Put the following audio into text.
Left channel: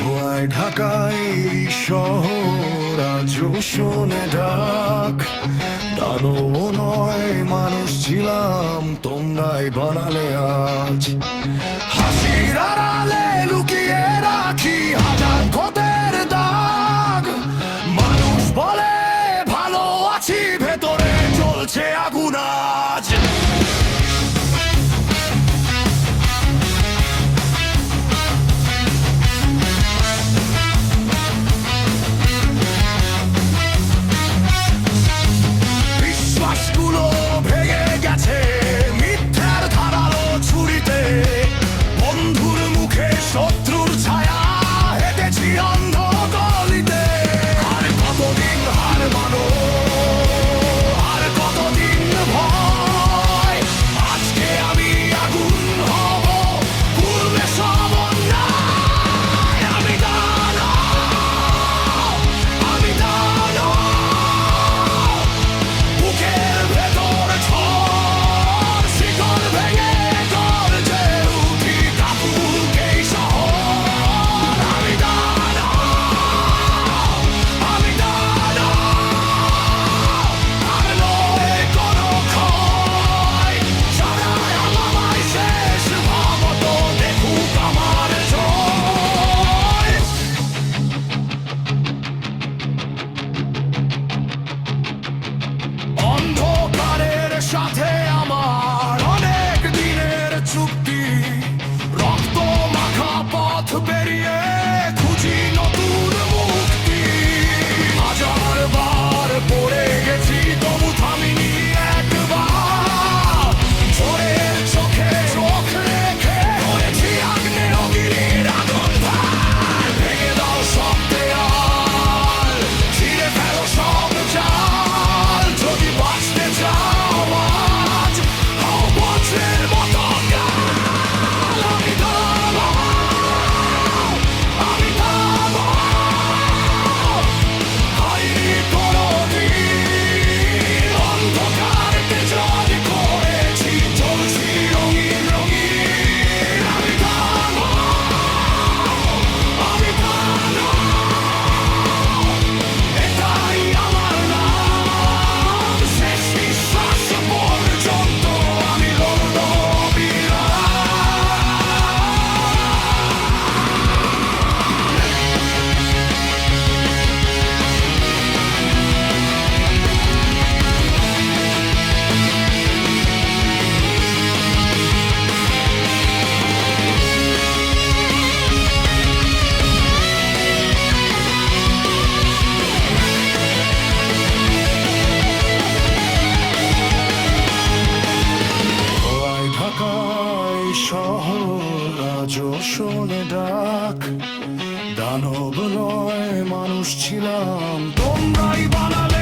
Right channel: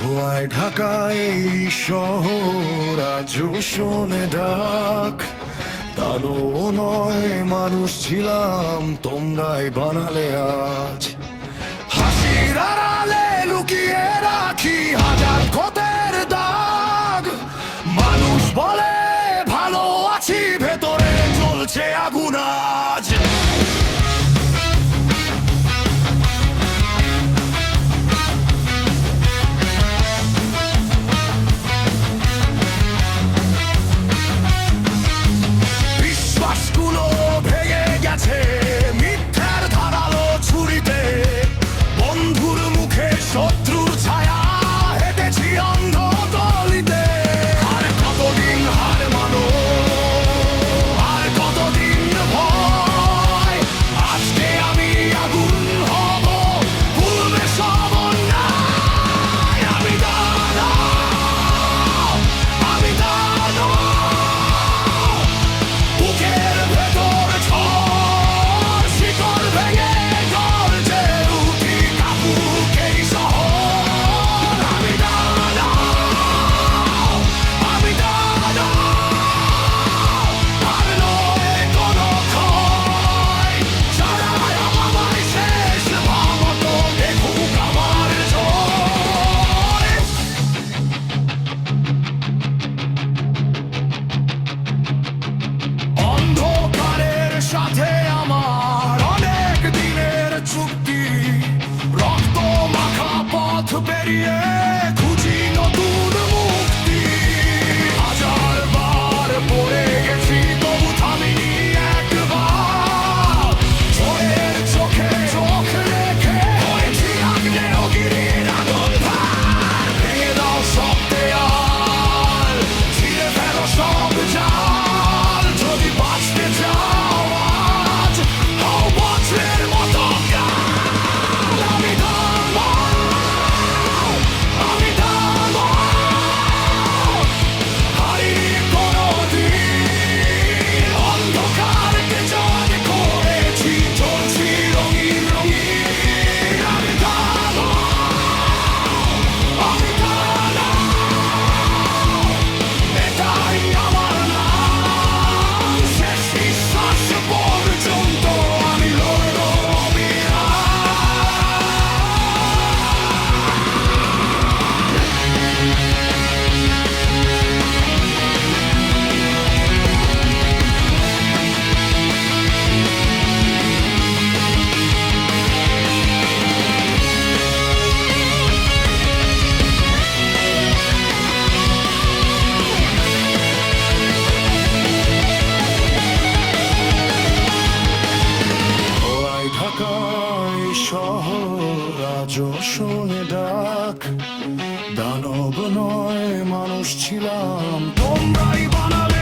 ধোঁয়ায় ঢাকায় এই শহর আজও শোনে ডাক। দানব নয় মানুষ ছিলাম, তোমরাই বানালে আজ। হাসির আড়ালে লুকিয়ে রাখি হাজার ক্ষতের দাগ। মানুষ বলে ভালো আছি, ভেতরে জ্বলছে আগুন আজ। বিশ্বাসগুলো ভেঙে গেছে মিথ্যার ধারালো ছুরিতে। বন্ধুর মুখে শত্রুর ছায়া, হেঁটেছি অন্ধ গলিতে। আর কতদিন হার মানো, আর কতদিন ভয়। আজকে আমি আগুন হব, পূর্বে সব অন্যায়। আমি দানব, আমি দানব। বুকের ভেতর ঝড়, শিকল ভেঙে গর্জে উঠি, কাপুক এই শহর। আমি দানব, আমি দানব। আর নয় কোনো ক্ষয়, যারা আমায় শেষ ভাবত দেখুক আমার জয়। অন্ধকারের সাথে আমার অনেক দিনের চুক্তি। রক্ত মাখা পথ পেরিয়ে খুঁজি নতুন মুক্তি। হাজার বার পড়ে গেছি, তবু থামিনি একবার। ঝড়ের চোখে চোখ রেখে হয়েছি আগ্নেয়গিরির আগুন ভার। ভেঙে দাও সব দেয়াল, ছিঁড়ে ফেলো সব জাল। যদি বাঁচতে চাও আজ, হও বজ্রের মতো কাল। আমি দানব, আমি দানব। হারিনি কোনোদিন, অন্ধকারকে জয় করেছি, চলছি রঙিন রঙিন। আমি দানব, আমি দানব। এটাই আমার নাম, শেষ নিঃশ্বাস পর্যন্ত আমি লড়ব ধোঁয়ায় ঢাকায় শহর আজও শোনে ডাক। দানব নয় মানুষ ছিলাম, তোমরাই বানালে